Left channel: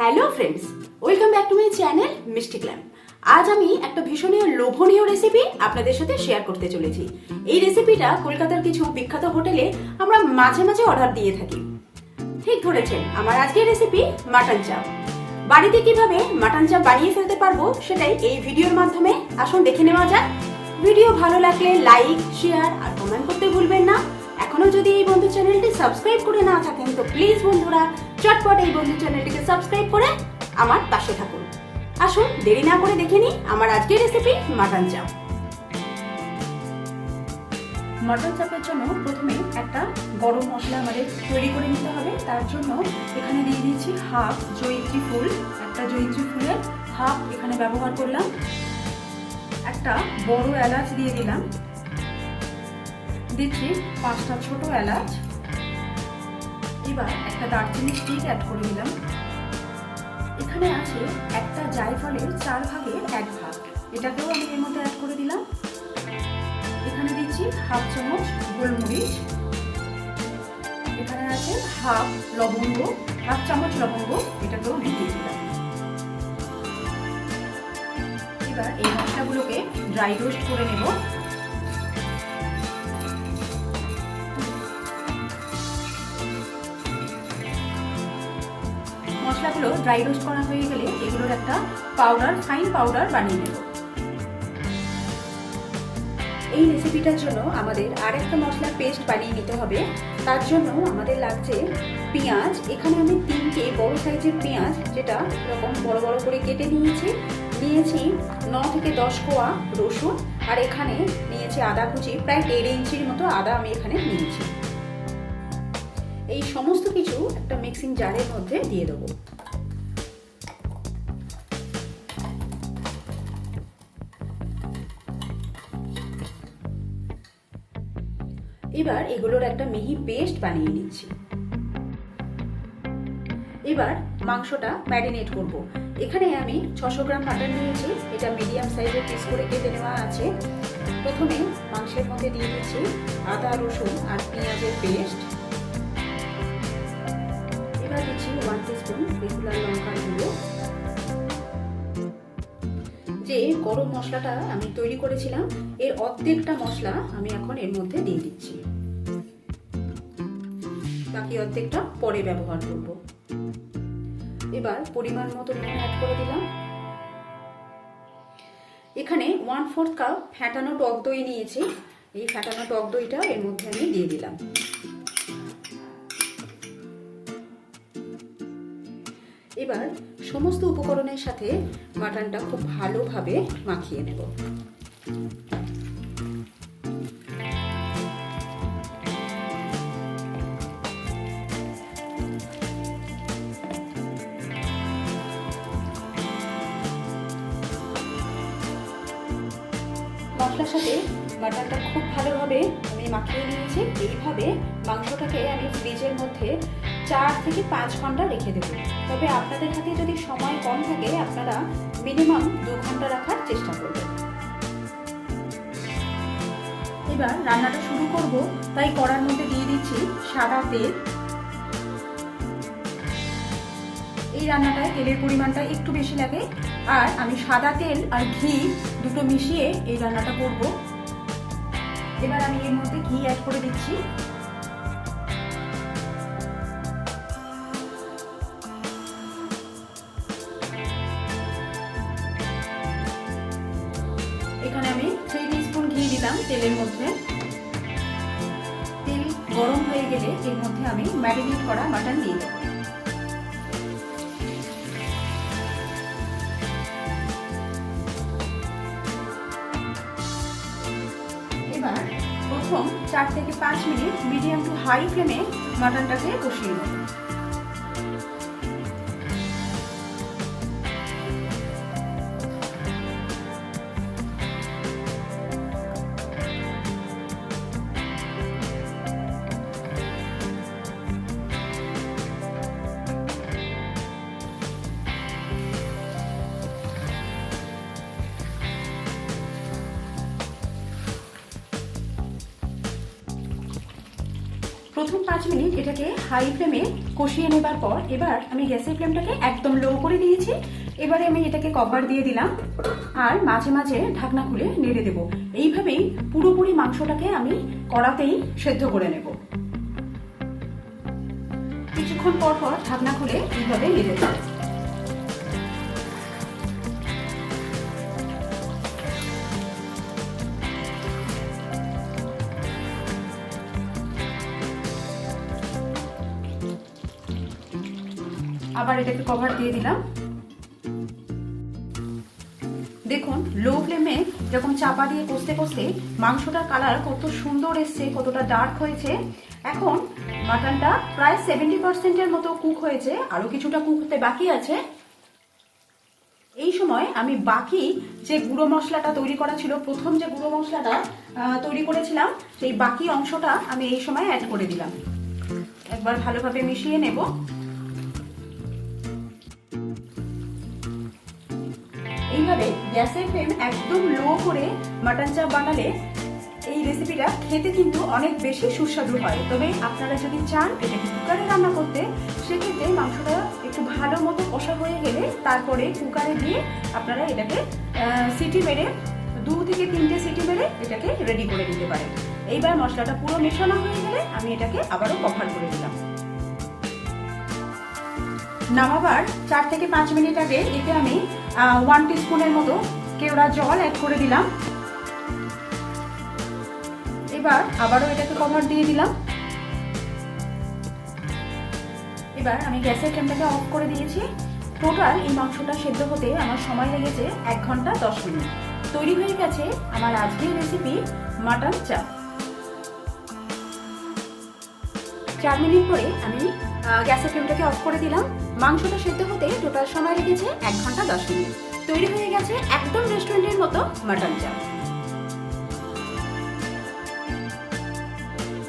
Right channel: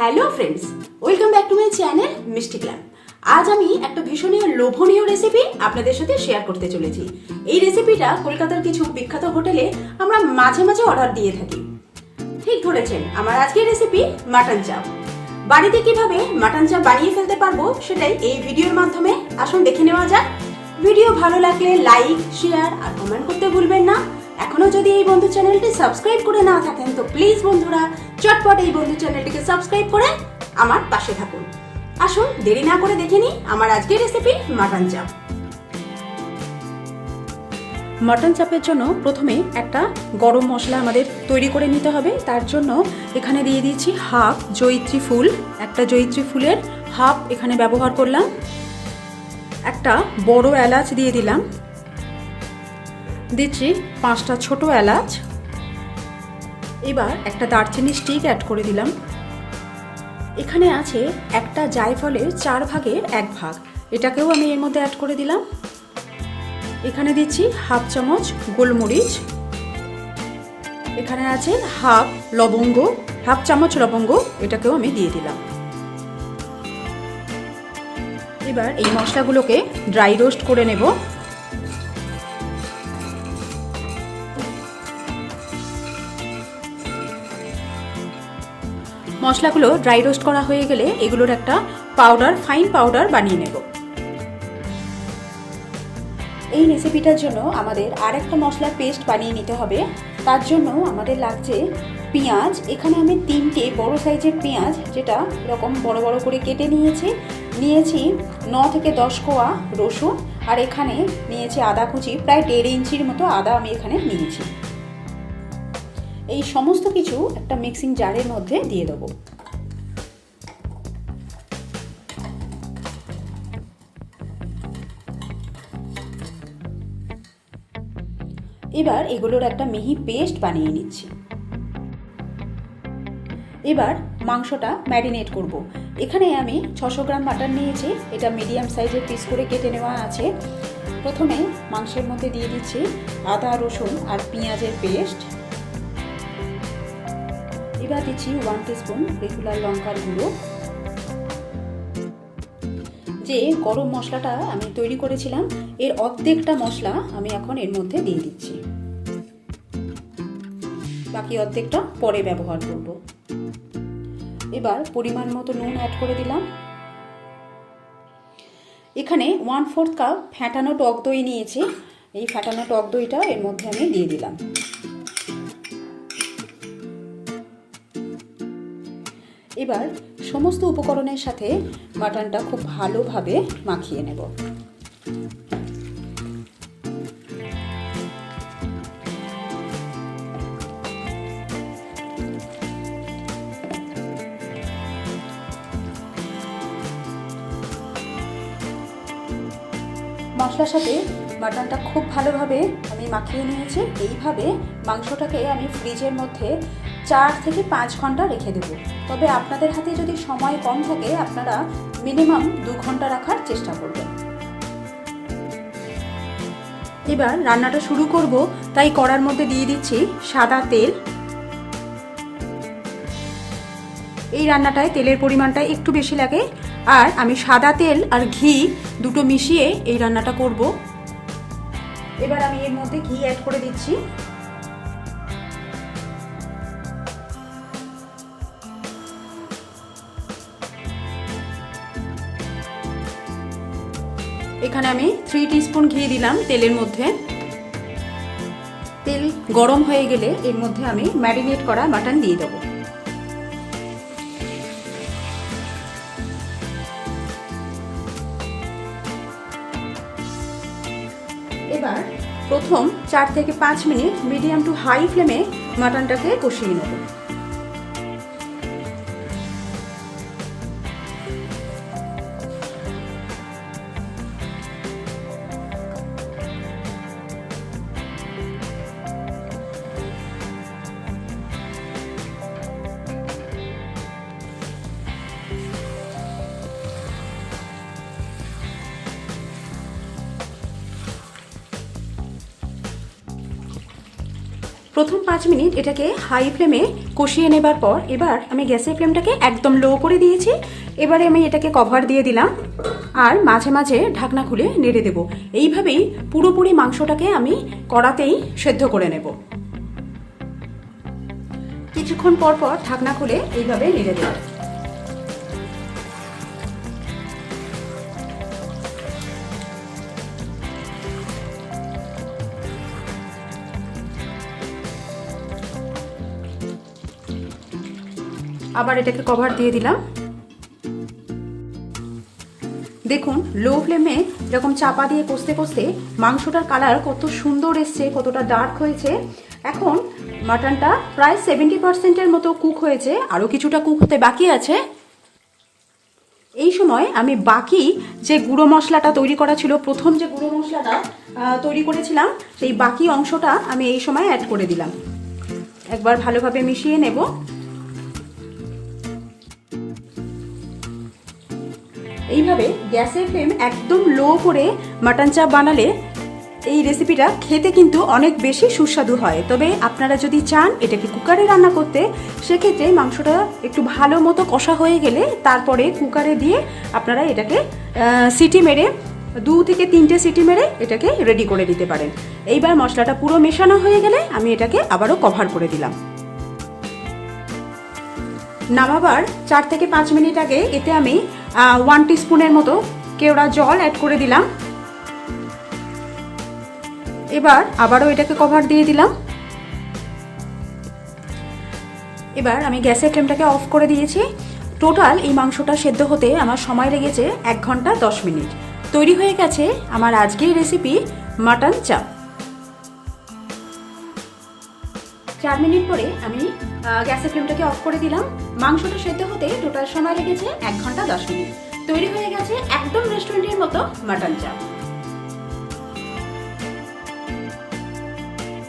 Hello friends, welcome back to my channel মিষ্টি glam. আজ আমি একটা ভীষণই লোভনীয় রেসিপি আপনাদের সাথে শেয়ার করতে চলেছি। এই রেসিপিটা কলকাতার কিছু বিখ্যাত হোটেলে আমরা মাঝে মাঝে অর্ডার দিয়ে থাকি। ঠিক ধরেছেন, আমার আজকের রেসিপি মাটন চাপ। বাড়িতে কিভাবে মাটন চাপ বানিয়ে ফেলতে পারবো সেটাই এই ভিডিওর মাধ্যমে আসুন দেখে নেওয়া যাক। ভিডিও ভালো লাগলে লাইক, শেয়ার আর কমেন্ট করতে ভুলবেন না। এখনো যদি এই বন্ধু চ্যানেলটি সাবস্ক্রাইব করে না থাকেন তো প্লিজ বন্ধুরা চটপট এই বন্ধু চ্যানেলটিকে সাবস্ক্রাইব করে আমার পাশে থাকুন। আসুন দেরি না করে দেখে নিই আমার আজকের রেসিপি মাটন চাপ। মাটন চাপের জন্য প্রথমে একটা গরম মশলা আমাদের তৈরি করে নিতে হবে। তার জন্য এখানে দিয়ে দিচ্ছি হাফ জয়িত্রী ফুল, একটা জয়িত্রী ফুলের হাফ এখানে ব্যবহার করলাম। একটা বড় এলাচ দিয়ে দিলাম, দিচ্ছি 5টা ছোট এলাচ। এবার একটা দারচিনি স্টিক অ্যাড করে দিলাম। এখানে আছে একটা জায়ফলের 4 ভাগের 1 ভাগ, এটাকেও আমি এর মধ্যে অ্যাড করে দিলাম। এখানে দিচ্ছি হাফ চামচ গোলমরিচ। এখানে আছে হাফ লবঙ্গ, হাফ চামচ লবঙ্গ, এটাকেও আমি দিয়ে দিলাম। এবার এই মশলাগুলোকে ড্রাই রোস্ট করে নেব। মশলাগুলো ড্রাই রোস্ট করা হয়ে গেলে এগুলোর একটা পাউডার, ফাইন পাউডার বানিয়ে নেব। এই রেসিপিটার জন্য আমাদের আর একটা মশলার পেস্ট বানিয়ে নিতে হবে। তার জন্য আমাদের লাগছে পেঁয়াজ। এখানে আমি 3টে বড় সাইজের পেঁয়াজ, যেটা এরকম বড় বড় করে কেটে নিয়েছি। 9 থেকে 10 কোয়া রসুন, আর এখানে নিয়েছি আদা কুচি, প্রায় 1.5 ইঞ্চির মতো আদা আমি এখানে নিয়েছি। এই সমস্ত কিছু একটা মিক্সিং জারের মধ্যে দিয়ে দেবো। এবার এগুলোর একটা মিহি পেস্ট বানিয়ে নিচ্ছি। এবার মাংসটা ম্যারিনেট করব। এখানে আমি 600 গ্রাম মাটন নিয়েছি, এটা মিডিয়াম সাইজের পিস করে কেটে নেওয়া আছে। প্রথমে মাংসের মধ্যে দিয়ে দিচ্ছি আদা, রসুন আর পেঁয়াজের পেস্ট। এবার দিচ্ছি 1 টিস্পুন রেগুলার লঙ্কার গুঁড়ো। যে গরম মশলাটা আমি তৈরি করেছিলাম, এর অর্ধেকটা মশলা আমি এখন এর মধ্যে দিয়ে দিচ্ছি, বাকি অর্ধেকটা পরে ব্যবহার করব। এবার পরিমাণ মতো নুন অ্যাড করে দিলাম। এখানে 1/4 কাপ ফ্যাটানো টক দই নিয়েছি, এই ফ্যাটানো টক দইটা এর মধ্যে আমি দিয়ে দিলাম। এবার সমস্ত উপকরণের সাথে মাটনটা খুব ভালোভাবে মাখিয়ে নেব। মশলার সাথে মাটনটা খুব ভালোভাবে আমি মাখিয়ে নিয়েছি। এইভাবে মাংসটাকে আমি ফ্রিজের মধ্যে 4 থেকে 5 ঘন্টা রেখে দেব। তবে আপনাদের হাতে যদি সময় কম থাকে আপনারা মিনিমাম 2 ঘন্টা রাখার চেষ্টা করবেন। এবার রান্নাটা শুরু করব, তাই কড়ার মধ্যে দিয়ে দিচ্ছি সাদা তেল। এই রান্নাটায় তেলের পরিমাণটা একটু বেশি লাগে, আর আমি সাদা তেল আর ঘি দুটো মিশিয়ে এই রান্নাটা করব। এবার আমি এর মধ্যে ঘি অ্যাড করে দিচ্ছি। এখানে আমি 3 টিস্পুন ঘি দিলাম তেলের মধ্যে। তেল গরম হয়ে গেলে এর মধ্যে আমি ম্যারিনেট করা মাটন দিয়ে দেবো। এবার প্রথম 4 থেকে 5 মিনিট মিডিয়াম টু হাই ফ্লেমে মাটনটাকে কষিয়ে নেব। প্রথম 5 মিনিট এটাকে হাই ফ্লেমে কষিয়ে নেবার পর এবার আমি গ্যাসের ফ্লেমটাকে একদম লো করে দিয়েছি। এবারে আমি এটাকে কভার দিয়ে দিলাম আর মাঝে মাঝে ঢাকনা খুলে নেড়ে দেব। এইভাবেই পুরোপুরি মাংসটাকে আমি কড়াতেই সেদ্ধ করে নেব। কিছুক্ষণ পর পর ঢাকনা খুলে এইভাবে নেড়ে দেব। আবার এটাকে কভার দিয়ে দিলাম। দেখুন লো ফ্লেমে এরকম চাপা দিয়ে কষতে কষতে মাংসটার কালার কত সুন্দর এসছে, কতটা ডার্ক হয়েছে। এখন মাটনটা প্রায় 70% মতো কুক হয়েছে, আরও কিছুটা কুক হতে বাকি আছে। এই সময় আমি বাকি যে গুঁড়ো মশলাটা তৈরি করা ছিল, প্রথম যে গুঁড়ো মশলাটা তৈরি করেছিলাম, সেই বাকি অংশটা আমি এই সময় অ্যাড করে দিলাম। একবার ভালোভাবে মিশিয়ে নেব। এইভাবে গ্যাসের ফ্লেম একদম লো করে মাটন চাপ বানালে এই রেসিপিটা খেতে কিন্তু অনেক বেশি সুস্বাদু হয়। তবে আপনারা যদি চান এটাকে কুকারে রান্না করতে, সেক্ষেত্রে মাংসটা একটু ভালো মতো কষা হয়ে গেলে তারপরে কুকারে দিয়ে আপনারা এটাকে সিটি মেরে 2 থেকে 3টে সিটি মেরে এটাকে রেডি করে দিতে পারেন। এইবার মশলাটা পুরো মেশানো হয়ে গেলে আমি এটাকে আবারও কভার করে দিলাম। নামাবার 4 থেকে 5 মিনিট আগে এতে আমি 1 টিস্পুনের মতো কেওড়া জল অ্যাড করে দিলাম। এবার আবারও এটাকে কভার দিয়ে দিলাম। এবার আমি গ্যাসের ফ্লেমটাকে অফ করে দিয়েছি। টোটাল এই মাংসটা সেদ্ধ হতে আমার সময় লেগেছে 1 ঘন্টা 10 মিনিট। তৈরি হয়ে গেছে আমার আজকের রেসিপি মাটন চাপ। 4 মিনিট পরে আমি গ্যাসের ফ্লেমটাকে অফ করে দিলাম। মাংসটা সেদ্ধ হতে টোটাল সময় লেগেছে 1 ঘন্টা 10 মিনিট। তৈরি হয়ে গেছে একদম রেস্টুরেন্টের মতো মাটন চাপ।